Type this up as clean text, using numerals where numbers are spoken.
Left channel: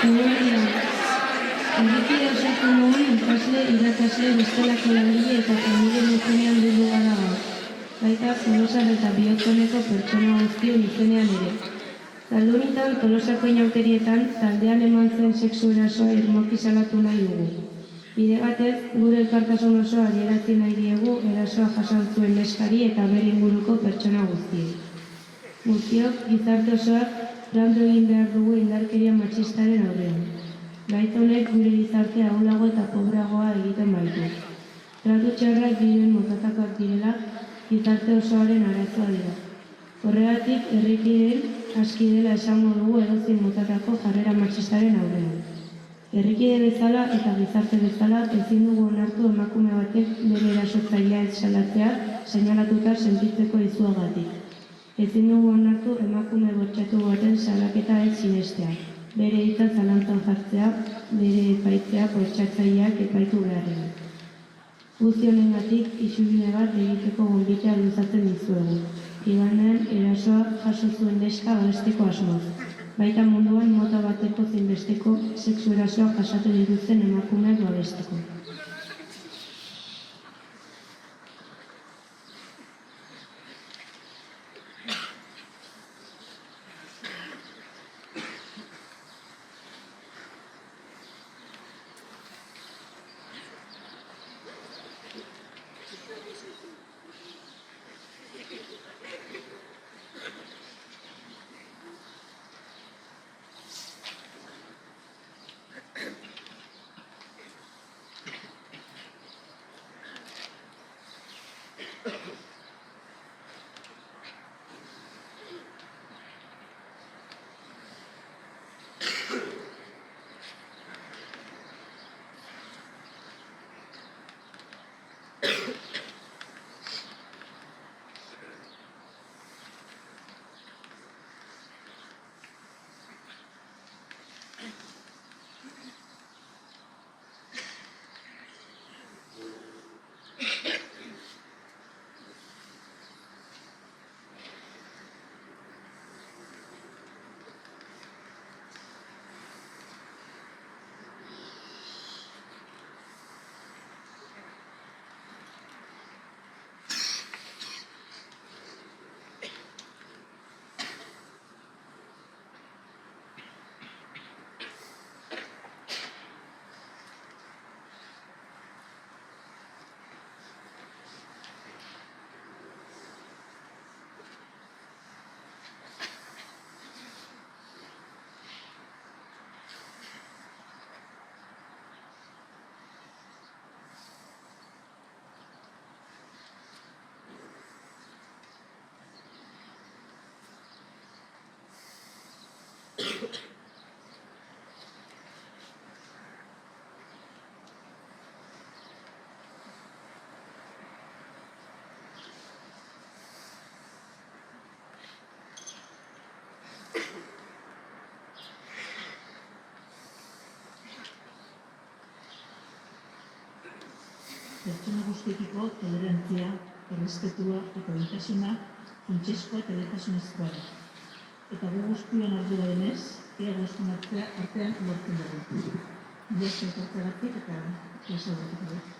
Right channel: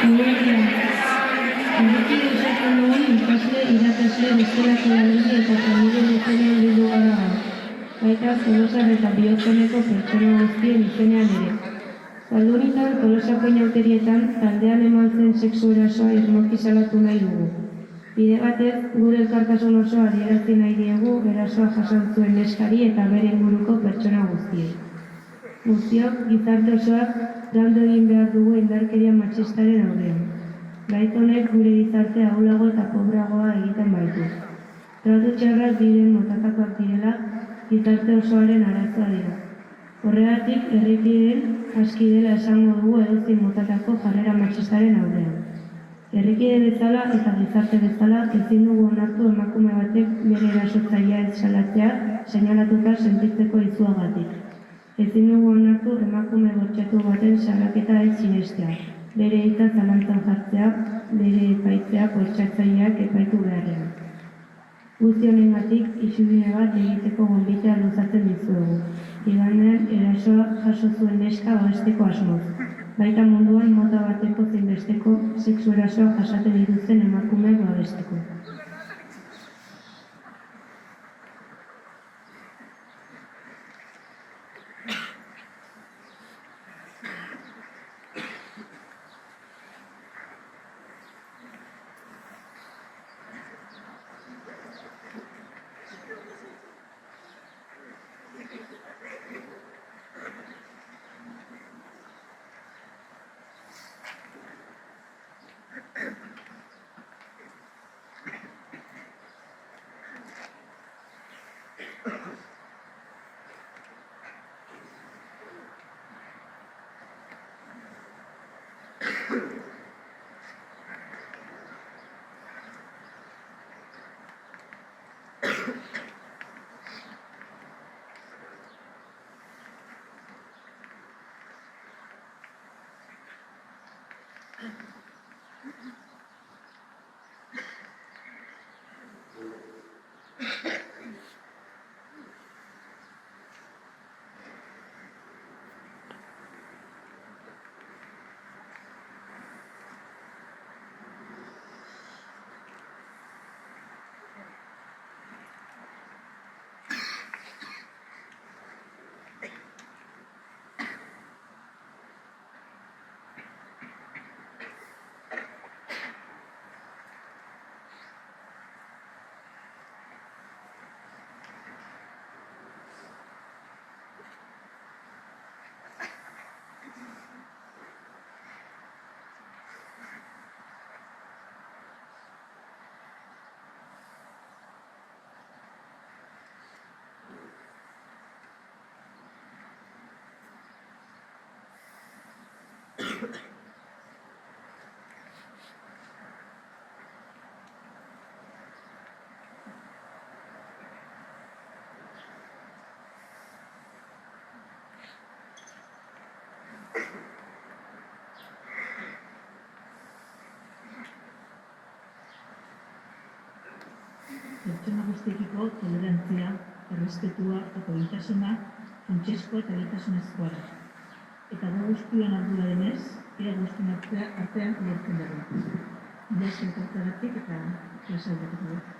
Eguerdia, errepide osatzen dugun ikasle, irakasle, bestelako langile eta familien izenean bildu gara gaur. Baita Tolosar eta Bihotz-oneko pertsona guztien izenean ere. Zaldunitan, Tolosako inauterietan, taldean eman zen sexu erasoa irmoki salatu nahi dugu. Bide batez, gure elkartasun osoa adierazi nahi diegu erasoa jasan zuen neskari eta bere inguruko pertsona guztiei. Guztiok, gizarte osoak landu egin behar dugu indarkeria matxistaren aurrean. Gaitz honek gure gizartea ahulago eta pobreagoa egiten baitu. Tratu txarrak diren motatakoak direla, gizarte osoaren arazoa dira. Horregatik, herrikideen aski dela esango dugu edozein motatako jarrera matxistaren aurrean. Herrikide bezala eta gizarte bezala ezin dugu onartu emakume batek bere erasotzailea salatzea seinalatuta sentitzeko izuagatik. Ezin dugu onartu emakume bortxatu baten salaketa ez sinestea, bere hitza zalantzan jartzea, bere epaitzea bortxatzaileak epaitu beharrean. Guzti honengatik isubide bat egiteko gonbitea luzatzen dizuegu. Igandean erasoa jaso zuen neska babesteko asmoz. Baita munduan mota bateko zein besteko sexu erasoa jasatu dituzten emakumeak babesteko. Pertsona guztiekiko tolerantzia, errespetua eta duintasuna funtsezkoa eta lehentasunezkoa da. Eta gu guztion ardura denez, ea guztien artean lortzen dugu. Mila esker etortzeagatik eta klase aurretik.